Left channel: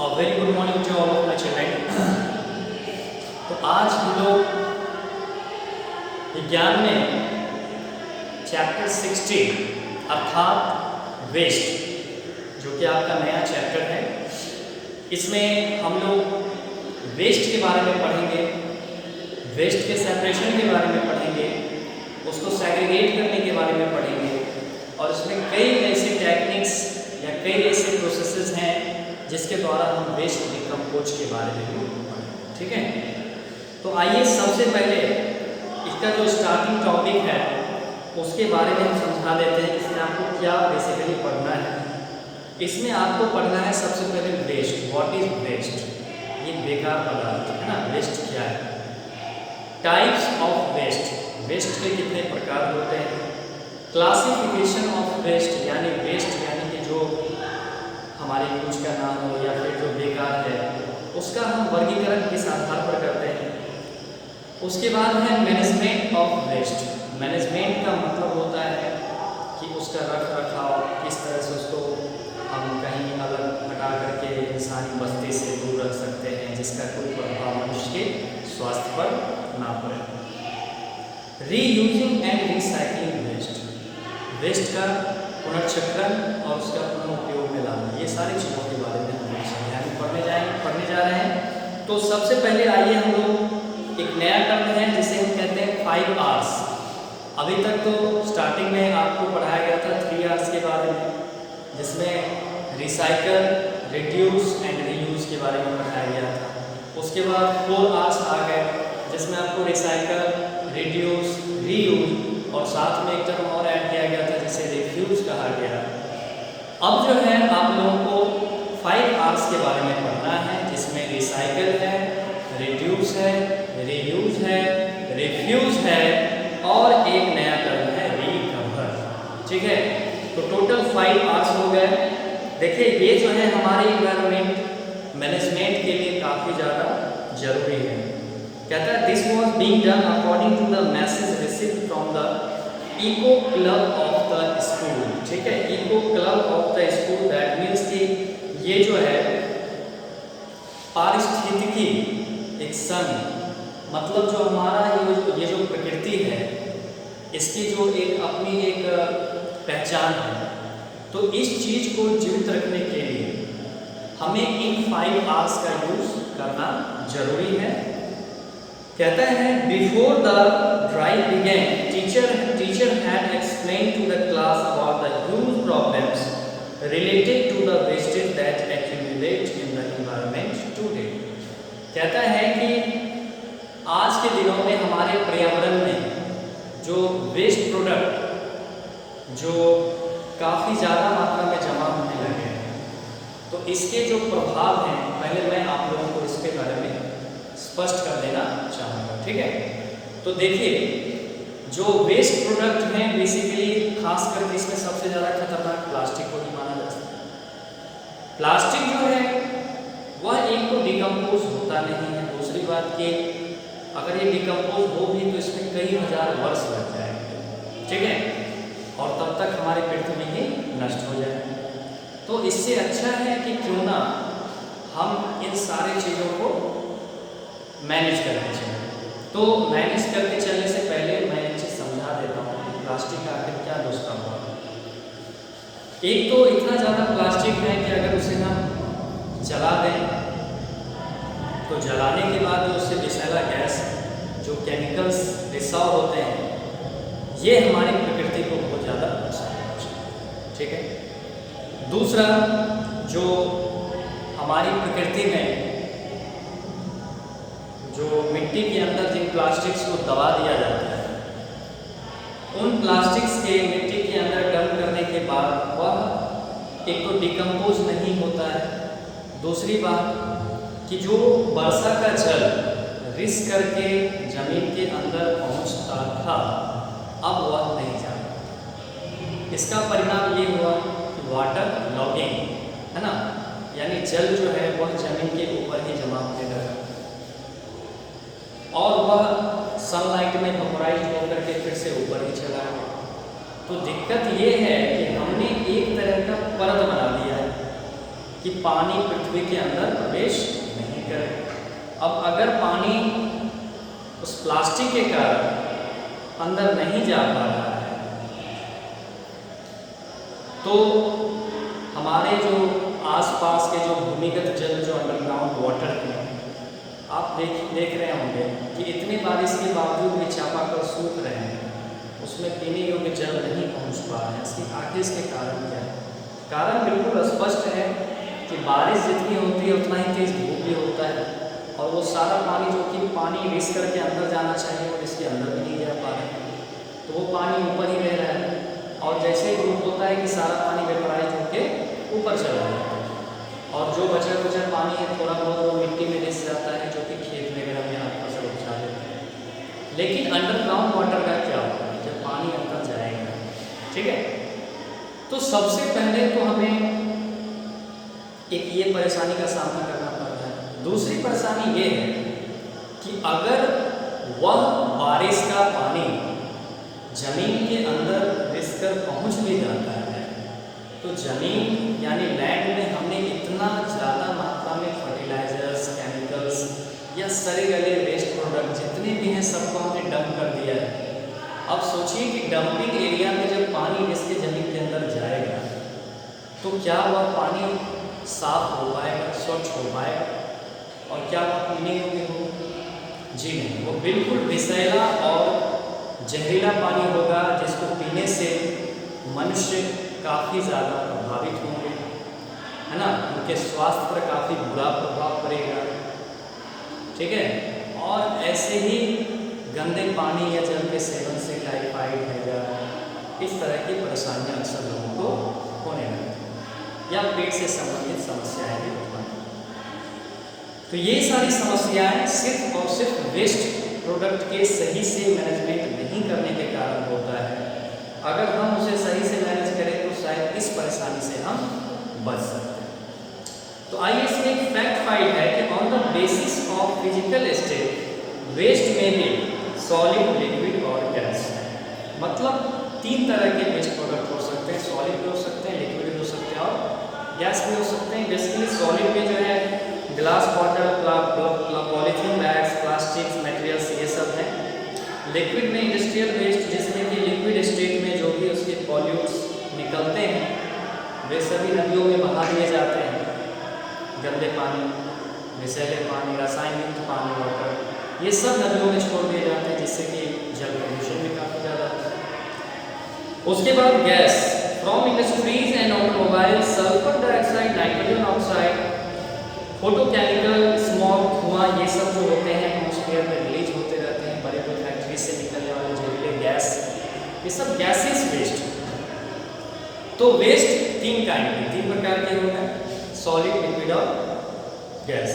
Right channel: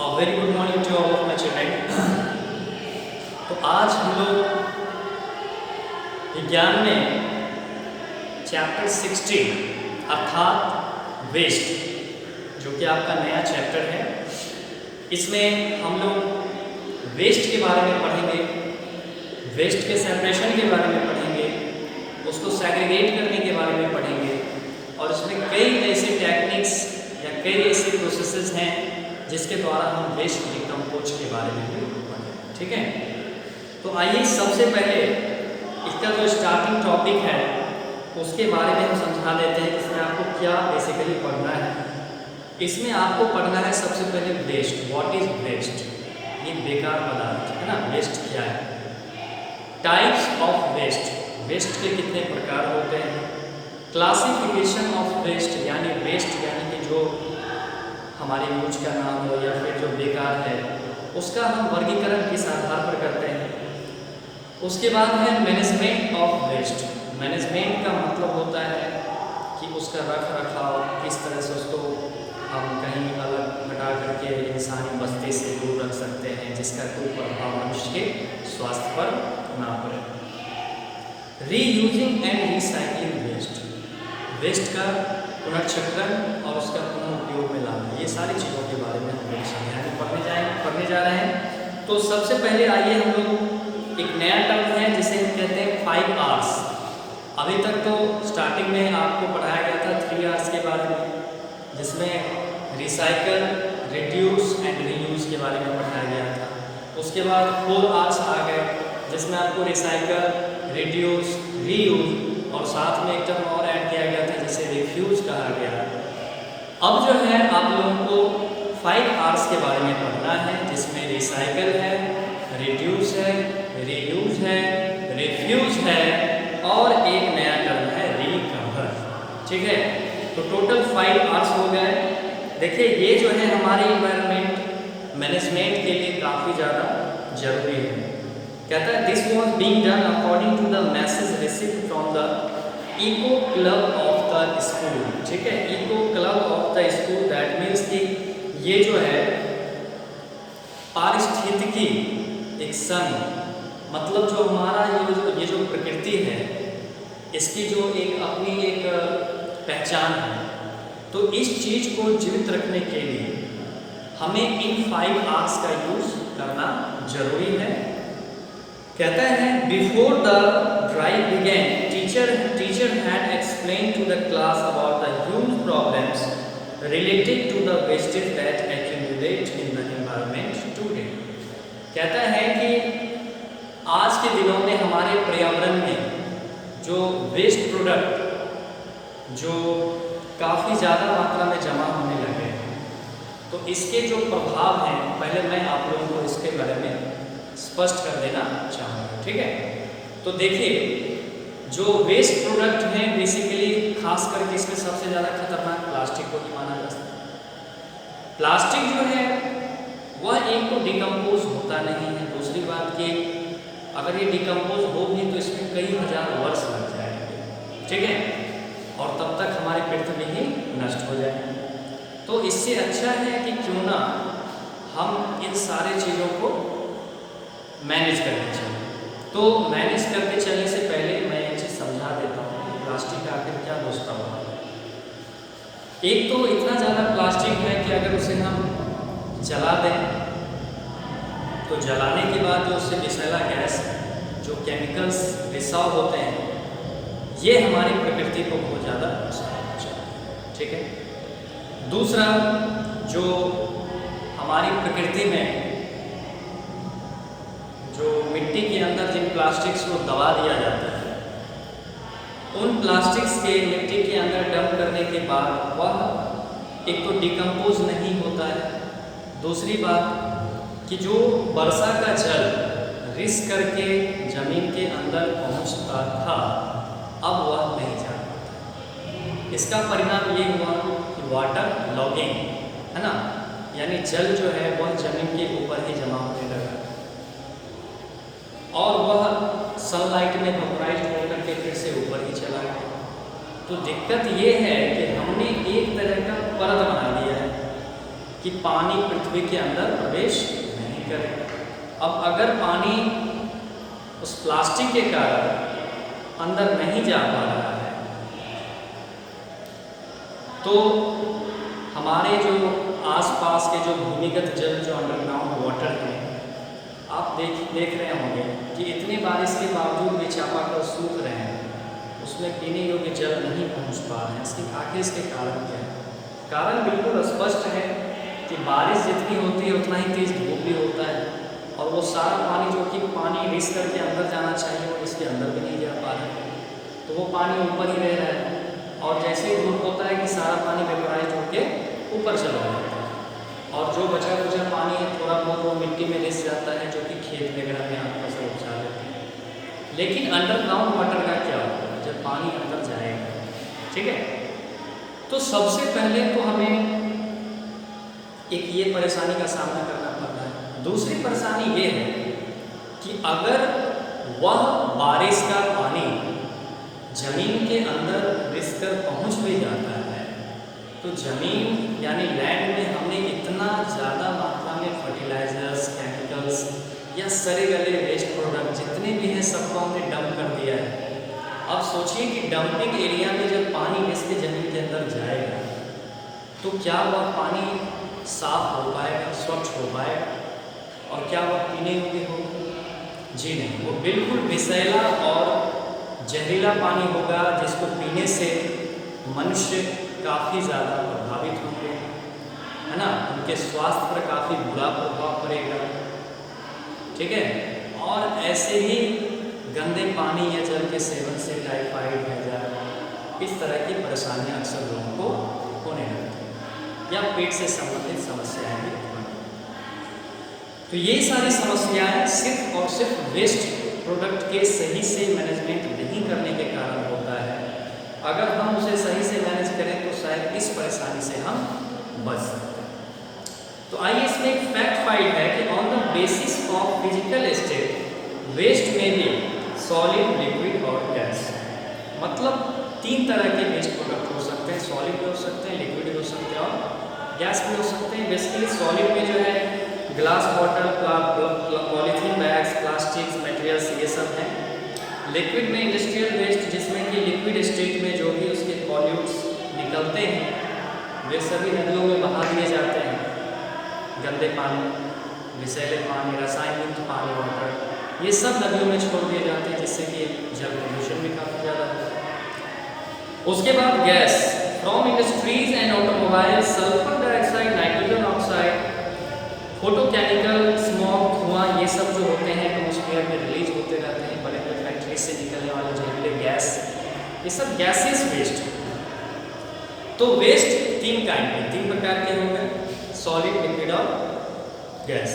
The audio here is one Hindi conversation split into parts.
Very good morning to all of my children. तो आज हम लोग विज्ञान में चैप्टर 16 अर्थात वेस्ट, जो कि आपका नया चैप्टर है, इसमें हम लोग वेस्ट के बारे में पढ़ेंगे, वेस्ट के सेपरेशन के बारे में पढ़ेंगे, उसको सेग्रीगेट करने के बारे में पढ़ेंगे और इसमें कई ऐसे टेक्निक्स या कई ऐसे प्रोसेसेस हैं जिसके द्वारा हम वेस्ट डिकम्पोज के बारे में भी पढ़ेंगे। ठीक है, तो आइए सबसे पहले इसका जो स्टार्टिंग टॉपिक है उसके बारे में हम समझा देते हैं कि इसमें आपको क्या बेसिकली पढ़ना है। इसमें आपको पढ़ना है सबसे पहले वेस्ट। What is waste? ये बेकार पदार्थ है ना, वेस्ट क्या है? टाइप्स ऑफ वेस्ट, वेस्ट के कितने प्रकार होते हैं? क्लासिफिकेशन ऑफ वेस्ट, यानी वेस्ट यानी कि जो हमारे यूज का ना हो या फिर जो बेकार है उसका हम वर्गीकरण किस आधार पर करते हैं। उसके बाद है मैनेजमेंट ऑफ वेस्ट। मैनेजमेंट का मतलब होता है कि उसका रख रखाव, किस तरह से उसको हम कहीं अलग हटा करके इंसानी बस्ती से दूर रख सकते हैं जिसका कोई प्रभाव मनुष्य के स्वास्थ्य पर ना पड़े। Reusing and recycling waste, waste का पुनर्चक्रण और उसका पुनः उपयोग में लाना, ये सारी चीज़ों के बारे में हम लोग समझाने पढ़ने जा रहे हैं। तो सबसे पहले आइए हम लोग एक नया टर्म है जिसे हम कहते हैं 5 R's। अभी तक तो स्टार्टिंग में आपको पढ़ाया गया था 3 R's के बारे में, जिसमें रिसाइकल, रिड्यूस एंड रीयूज के बारे में पढ़ाया गया था। उसके बाद 4 R's आ गए जिसमें आपको रिसाइकल, रिड्यूस, रीयूज और साथ में एक टर्म और ऐड किया गया था जिसे रिफ्यूज कहा गया। अब जो है आप लोगों को 5 R's के बारे में पढ़ना है, जिसमें रिसाइकल है, रिड्यूस है, रीयूज है, रिफ्यूज है और एक नया टर्म है रिकवर। ठीक है, तो टोटल 5 R's हो गए। देखिए ये जो है हमारे इन्वायरमेंट मैनेजमेंट के लिए काफ़ी ज़्यादा जरूरी है। कहता है this was being done according to the message received from the eco club of the school. ठीक है, eco club of the school, that means कि ये जो है पारिस्थितिकी एक संघ, मतलब जो हमारा ये जो प्रकृति है इसकी जो एक अपनी एक पहचान है, तो इस चीज़ को जीवित रखने के लिए हमें इन 5 R's का यूज करना जरूरी है। कहता है before the drive begin teacher had explain to the class about the huge problems related to the wastage that accumulate in the environment today. कहता है कि आज के दिनों में हमारे पर्यावरण में जो वेस्ट प्रोडक्ट जो काफ़ी ज़्यादा मात्रा में जमा होने लगे हैं, तो इसके जो प्रभाव हैं पहले मैं आप लोगों को इसके बारे में स्पष्ट कर देना चाहूँगा। ठीक है, तो देखिए जो वेस्ट प्रोडक्ट हैं बेसिकली खास करके इसमें सबसे ज़्यादा खतरनाक प्लास्टिक को ही माना जा सकता है। प्लास्टिक जो है वह एक तो डिकम्पोज होता नहीं है, दूसरी बात कि अगर ये डिकम्पोज हो भी तो इसमें कई हजार वर्ष लग जाएंगे। ठीक है, और तब तक हमारी पृथ्वी ही नष्ट हो जाए। तो इससे अच्छा है कि क्यों ना हम इन सारे चीज़ों को मैनेज करके चलें। तो मैनेज करके चलने से पहले मैं एक चीज़ समझा देता हूँ कि प्लास्टिक का आखिर क्या दुष्प्रभाव है। एक तो इतना ज़्यादा प्लास्टिक है कि अगर उसे हम जला दें तो जलाने के बाद जो उससे विषैला गैस, जो केमिकल्स रिसाव होते हैं, ये हमारी प्रकृति को बहुत ज़्यादा नुकसान पहुँचाते हैं। ठीक है, दूसरा जो हमारी प्रकृति में जो मिट्टी के अंदर जिन प्लास्टिक्स को दबा दिया जाता है, उन प्लास्टिक्स के मिट्टी के अंदर डंप करने के बाद वह एक तो डिकम्पोज नहीं होता है, दूसरी बात कि जो वर्षा का जल रिस करके जमीन के अंदर पहुंचता था अब वह नहीं जा पाता। इसका परिणाम ये हुआ कि वाटर लॉगिंग है ना, यानी जल जो है वह जमीन के ऊपर ही जमा होने लगा और वह सनलाइट में वेपोराइज होकर के फिर से ऊपर ही चला गया। तो दिक्कत ये है कि हमने एक तरह का परत बना दिया है कि पानी पृथ्वी के अंदर प्रवेश नहीं करे। अब अगर पानी उस प्लास्टिक के कारण अंदर नहीं जा पा रहा है तो हमारे जो आसपास के जो भूमिगत जल, जो अंडरग्राउंड वाटर हैं, आप देख रहे होंगे कि इतने बारिश के बावजूद भी चापाकल सूख रहे हैं, उसमें पीने योग्य जल नहीं पहुंच पा रहे हैं। आखिर इसके कारण क्या है? कारण बिल्कुल स्पष्ट है कि बारिश जितनी होती है उतना ही तेज धूप भी होता है, और वो सारा पानी जो कि पानी रिस करके अंदर जाना चाहिए वो इसके अंदर भी नहीं जा पा रहा है, तो वो पानी ऊपर ही रह रहा है। और जैसे धूप होता है कि सारा पानी वेपराइज होके ऊपर चला जाता है, और जो बचा कुचा पानी है थोड़ा बहुत वो मिट्टी में रिस जाता है, जो कि खेत वगैरह में आप फसल उपजा लेते हैं। लेकिन अंडरग्राउंड वाटर का क्या होगा जब पानी अंदर जाएगा? ठीक है, तो सबसे पहले तो हमें एक ये परेशानी का सामना करना पड़ रहा है। दूसरी परेशानी ये है कि अगर वह बारिश का पानी जमीन के अंदर रिस कर पहुँच भी जाता है तो जमीन यानी लैंड में हमने इतना ज़्यादा मात्रा में फर्टिलाइजर्स, केमिकल्स या सड़े गले वेस्ट प्रोडक्ट जितने भी हैं सबको हमने डंप कर दिया है। अब सोचिए कि डंपिंग एरिया में जब पानी रिस के ज़मीन के अंदर जाएगा तो क्या वह पानी साफ हो पाएगा, स्वच्छ हो पाएगा, और क्या वह पीने योग्य होगा? जी नहीं, वो बिल्कुल विषैला और जहरीला पानी होगा जिसको पीने से मनुष्य काफ़ी ज़्यादा प्रभावित होंगे, है ना, उनके स्वास्थ्य पर काफ़ी बुरा प्रभाव पड़ेगा। ठीक है, और ऐसे ही गंदे पानी या जल के सेवन से टाइफाइड, हैजा, इस तरह की परेशानियां अक्सर लोगों को होने लगती हैं या पेट से संबंधित समस्याएं भी उत्पन्न। तो ये सारी समस्याएं सिर्फ और सिर्फ वेस्ट प्रोडक्ट के सही से मैनेजमेंट नहीं करने के कारण होता है। अगर हम उसे सही से मैनेज करें तो शायद इस परेशानी से हम बच सकते हैं। तो आइए इसमें एक फैक्ट फाइल है कि on the basis of physical state waste में भी सॉलिड, लिक्विड और गैस, मतलब 3 तरह के वेस्ट प्रोडक्ट हो सकते हैं। सॉलिड भी हो सकते हैं, लिक्विड भी हो सकते हैं और गैस भी हो सकते हैं। बेसिकली सॉलिड में जो है glass bottle, polythene bags, plastics materials, ये सब हैं। लिक्विड में इंडस्ट्रियल वेस्ट, जिसमें कि लिक्विड स्टेट में जो भी उसके पॉल्यूट्स निकलते हैं वे सभी नदियों में बहा दिए जाते हैं। गंदे पानी, विषैले पानी, रसायन युक्त पानी, वाटर, ये सब नदियों में छोड़ दिए जाते हैं, जिससे कि जल प्रदूषण भी काफ़ी ज़्यादा होता है। उसके बाद gas from industries and automobile, sulphur dioxide, nitrogen oxide, photochemical, smog, धुआं, ये सब जो होते हैं एटमॉस्फेयर में रिलीज होते रहते हैं। बड़े बड़े फैक्ट्री से निकलने वाले जहरीले गैस, ये सब गैसेस वेस्ट। तो वेस्ट 3 प्रकार के होंगे, सॉलिड, लिक्विड और गैस।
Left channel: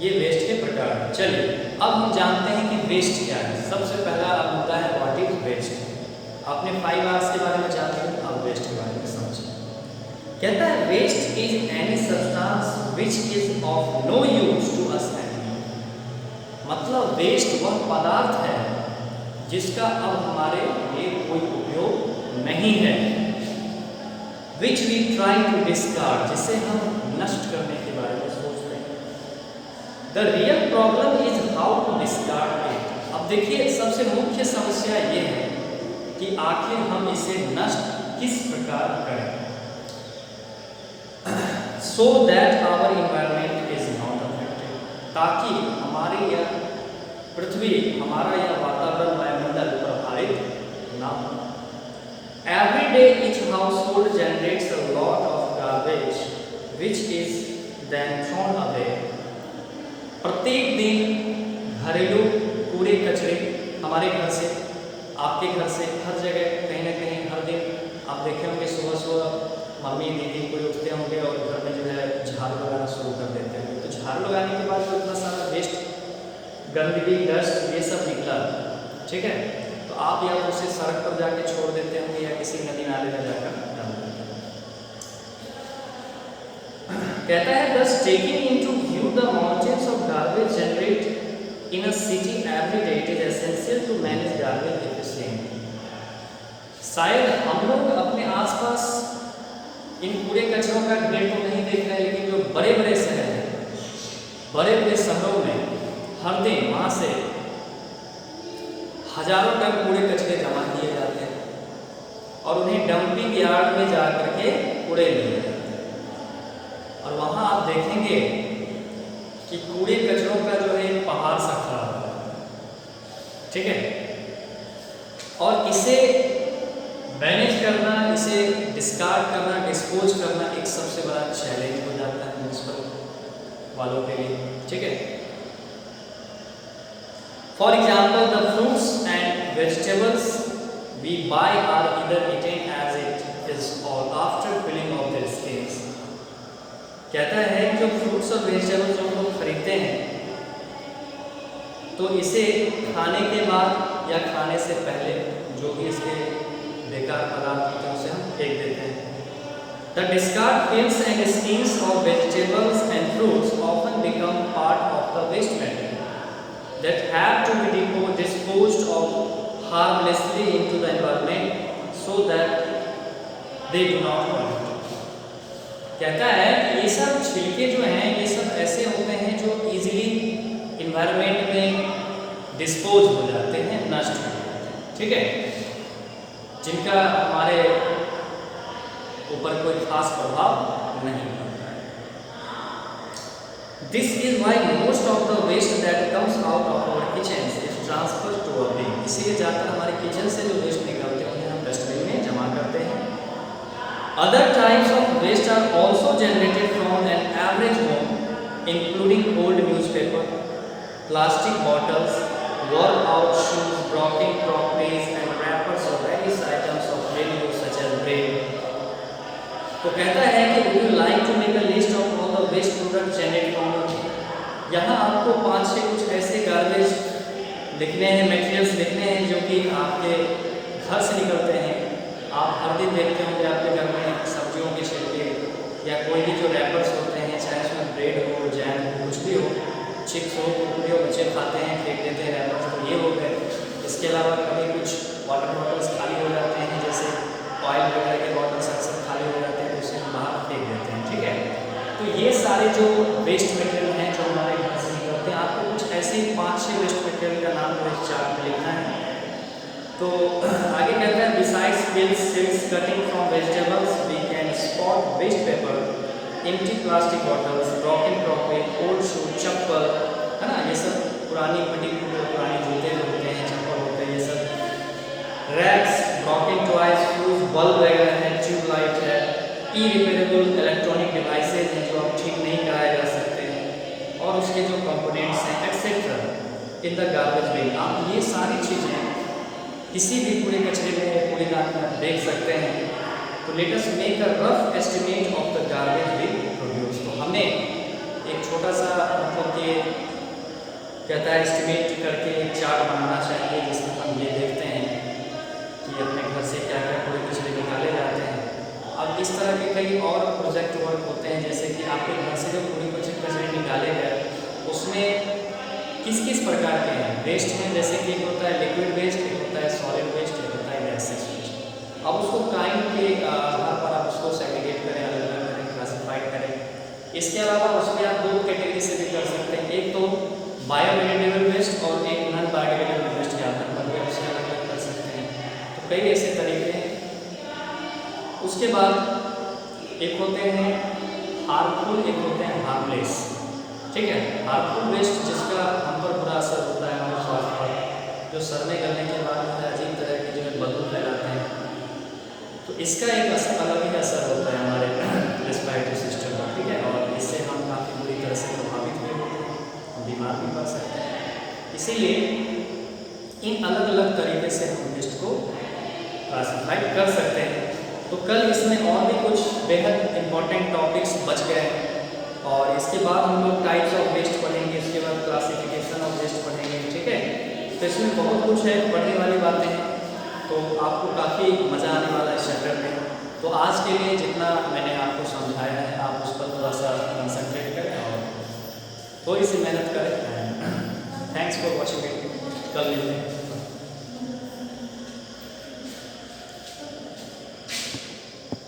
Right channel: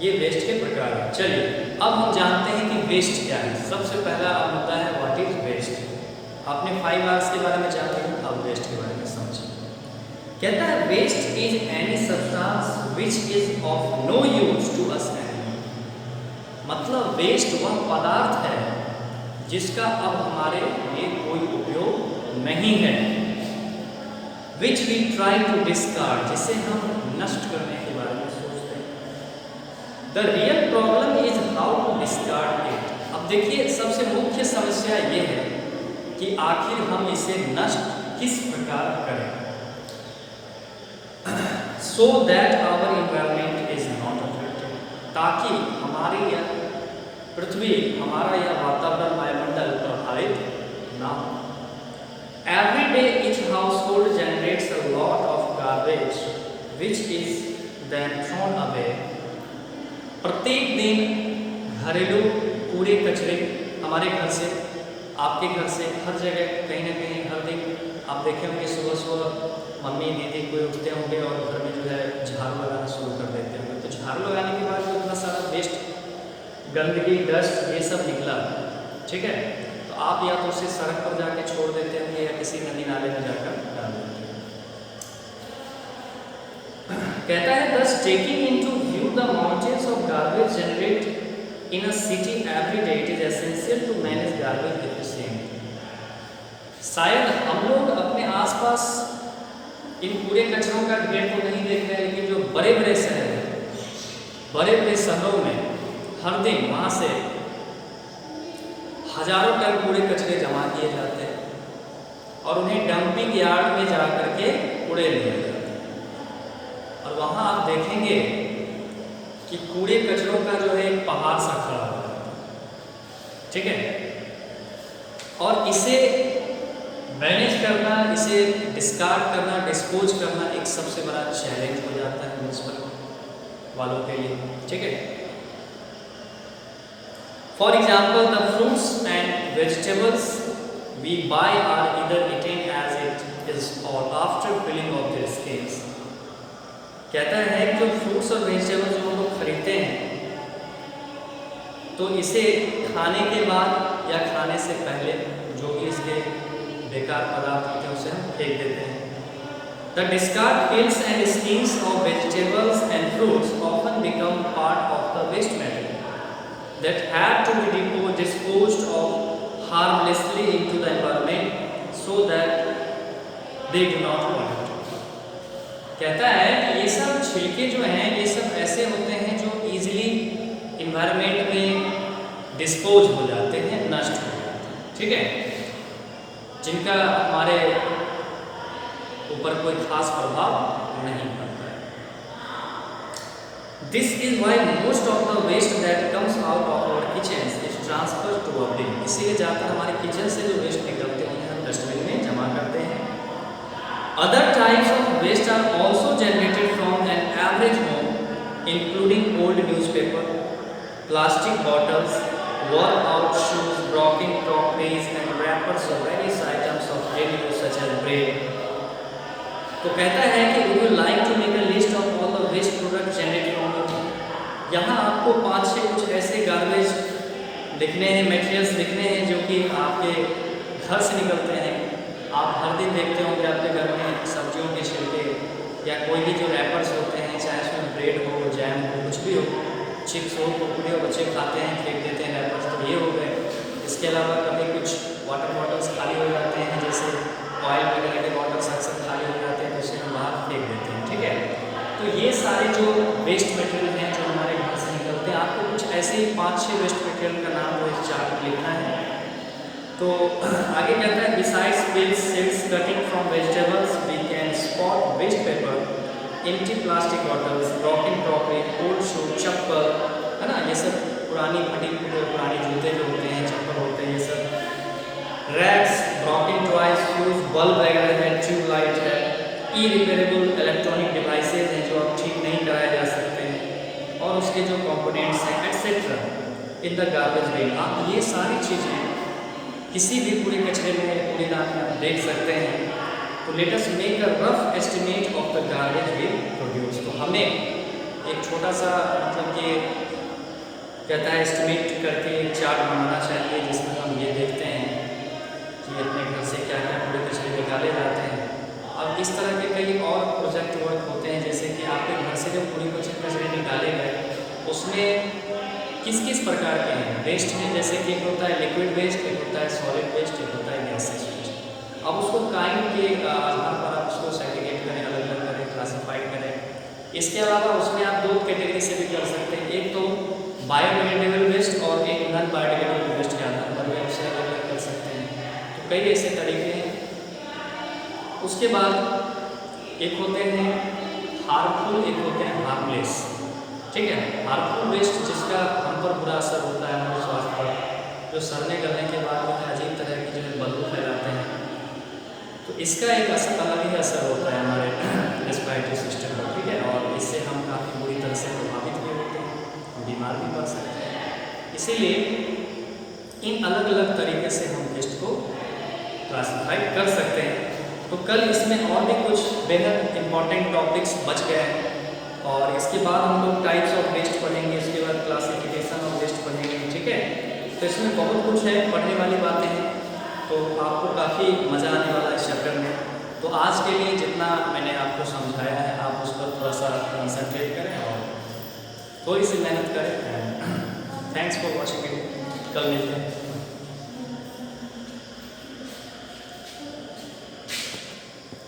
ये वेस्ट के प्रकार हैं। चलिए अब हम जानते हैं कि वेस्ट क्या है। सबसे पहला अब मुद्दा है व्हाट इज वेस्ट। आपने 5 R's के बारे में जान लिया, अब वेस्ट के बारे में समझिए। कहता है waste is any substance which is of no use to us animal, मतलब वेस्ट वह पदार्थ है जिसका अब हमारे लिए कोई उपयोग नहीं है। Which we try to discard, जिसे हम नष्ट करने के बारे में सोचते हैं। The real problem is how to discard it. अब देखिए सबसे मुख्य समस्या ये है कि आखिर हम इसे नष्ट किस प्रकार करें so that our environment is not affected, ताकि हमारी यह पृथ्वी, हमारा यह वातावरण, वायुमंडल प्रभावित ना हो। Every day each household generates a lot of garbage which is then thrown away. प्रत्येक दिन घरेलू कूड़े कचरे हमारे घर से, आपके घर से, हर जगह कहीं ना कहीं हर दिन आप देखे होंगे सुबह सुबह मम्मी दीदी कोई उठते होंगे और घर में जो है झाड़ू लगाना शुरू कर देते होंगे। तो झाड़ू लगाने के बाद जो इतना सारा वेस्ट, गंदगी, डस्ट, ये सब निकला, ठीक है, तो आप या तो उसे सड़क पर जाके छोड़ देते होंगे या किसी नदी नाले में जाकर डाल देते हैं। कहता है thus taking into view the mountains of garbage generate in a city every day, it is essential to manage garbage efficiently. शायद हम लोग अपने आसपास इन पूरे कचरों का ढेर तो नहीं देख रहे, लेकिन जो बड़े बड़े शहर हैं, बड़े बड़े शहरों में हर दिन वहाँ से हजारों टन कूड़े कचरे जमा किए जाते हैं और उन्हें डंपिंग यार्ड में जा करके कूड़े लिए जाते हैं। और वहाँ आप देखेंगे कि कूड़े कचरों का जो है एक पहाड़ सा खड़ा हो जाता है, ठीक है। और इसे मैनेज करना, इसे डिस्कार्ड करना, डिस्पोज करना एक सबसे बड़ा चैलेंज हो जाता है म्यूनिसिपल वालों के लिए, ठीक है। For example, the fruits and vegetables we buy are either eaten as it is or after peeling off their skins। कहता है कि जो फ्रूट्स और वेजिटेबल्स जो हम लोग खरीदते हैं तो इसे खाने के बाद या खाने से पहले जो भी इसके बेकार पदार्थ होते हैं उसे हम फेंक देते हैं। The discard peels and skins of vegetables and fruits often become part of the waste material that have to be disposed of harmlessly into the environment so that they do not pollute। कहता है कि ये सब छिलके जो हैं ये सब ऐसे होते हैं जो इजीली इन्वायरमेंट में डिस्पोज हो जाते हैं, नष्ट हो जाते हैं, ठीक है, जिनका हमारे ऊपर कोई खास प्रभाव नहीं पड़ता है। This is why most of the waste that comes out of our kitchens is transferred to a bin। इसीलिए ज़्यादातर हमारे किचन से जो वेस्ट निकलते हैं उन्हें हम डस्टबिन में जमा करते हैं। Other types of waste are also generated from an average home, including old newspaper, plastic bottles, worn out shoes, broken crockeries and wrappers of various items of daily use such as bread। तो कहता है कि would you like to make a list of all the waste products generated from your home। यहाँ आपको 5-6 कुछ ऐसे गार्बेज लिखने हैं, मटेरियल्स लिखने हैं जो कि आपके घर से निकलते हैं। आप हर दिन देखते होंगे आपके घर में सब्जियों के छिलके या कोई भी जो रैपर्स होते हैं, चाहे उसमें ब्रेड हो, जैम हो, कुछ भी हो, चिप्स हो, कुरकुरे हो, बच्चे खाते हैं, फेंक देते हैं रैपर्स, तो ये हो गए। इसके अलावा कभी कुछ वाटर बॉटल्स खाली हो जाते हैं, जैसे ऑयल वगैरह के बॉटल्स अक्सर खाली हो जाते हैं तो उसे हम बाहर फेंक देते हैं, ठीक है। तो ये सारे जो वेस्ट मटेरियल हैं जो हमारे घर से निकलते हैं, आपको कुछ ऐसे 5-6 वेस्ट मटेरियल का नाम जो इस चार्ट में लिखना है। तो आगे कहता है besides pills, silks, cutting from vegetables we can spot waste paper, empty plastic bottles, broken crockery, old shoe, chappal, है ना, ये सब पुरानी फटी पुरानी जूते जो होते हैं, चप्पल होते हैं, ये सब rags, broken toys, fuse, bulb वगैरह है, ट्यूब लाइट है, इरिपेरेबल इलेक्ट्रॉनिक डिवाइसेज हैं जो अब ठीक नहीं कराए जा सकते हैं, और उसके जो कंपोनेंट्स हैं etcetera in the garbage bin. आप ये सारी चीज़ें किसी भी कूड़े कचरे में या कूड़ेदान में आप देख सकते हैं। तो let us make a rough estimate of the garbage bin produce. तो हमें एक छोटा सा मतलब कि कहता है एस्टिमेट करके एक चार्ट बनाना चाहिए जिसमें हम ये देखते हैं कि अपने घर से क्या क्या कूड़े कचरे निकाले जाते हैं। अब इस तरह के कई और प्रोजेक्ट वर्क होते हैं, जैसे कि आपके घर से जो कूड़े कचरे निकाले गए उसमें किस किस प्रकार के हैं वेस्ट हैं, जैसे कि एक होता है लिक्विड वेस्ट, एक होता है सॉलिड वेस्ट, एक होता है गैसेज वेस्ट। अब उसको काइंड के आधार पर आप उसको सेग्रीगेट करें, अलग अलग करें, क्लासीफाइड करें। इसके अलावा उसमें आप 2 कैटेगरी से भी कर सकते हैं, एक तो बायोडिग्रेडेबल वेस्ट और एक नॉन बायोडिग्रेडेबल वेस्ट के आधार पर भी आपसे अलग अलग कर सकते हैं। तो कई ऐसे तरीके हैं। उसके बाद एक होते हैं हार्मफुल, एक होते हैं हार्मलेस, ठीक है। हार्मफुल वेस्ट जिसका हम पर बुरा असर होता है हमारे स्वास्थ्य पर, जो सड़ने गलने के बाद जो है अजीब तरह की जो है बदबू फैलाते हैं, तो इसका एक अलग ही असर होता है हमारे रेस्पिरेटरी सिस्टम पर, ठीक है। और इससे हम काफ़ी बुरी तरह से प्रभावित भी होते हैं, हम बीमार भी पड़ सकते हैं। इसीलिए इन अलग अलग तरीके से हम वेस्ट को क्लासीफाई कर सकते हैं। तो कल इसमें और भी कुछ बेहद इम्पॉर्टेंट टॉपिक्स बच गए हैं, और इसके बाद हम लोग टाइप्स ऑफ वेस्ट पढ़ेंगे, इसके बाद क्लासिफिकेशन ऑफ वेस्ट पढ़ेंगे, ठीक है। तो इसमें बहुत कुछ है, पढ़ने वाली बातें हैं, तो आपको काफ़ी मज़ा आने वाला है इस चैप्टर में। तो आज के लिए जितना मैंने आपको समझाया है आप उस पर थोड़ा सा कंसंट्रेट करें और थोड़ी सी मेहनत करें। Thanks for watching it. कल मिलते हैं।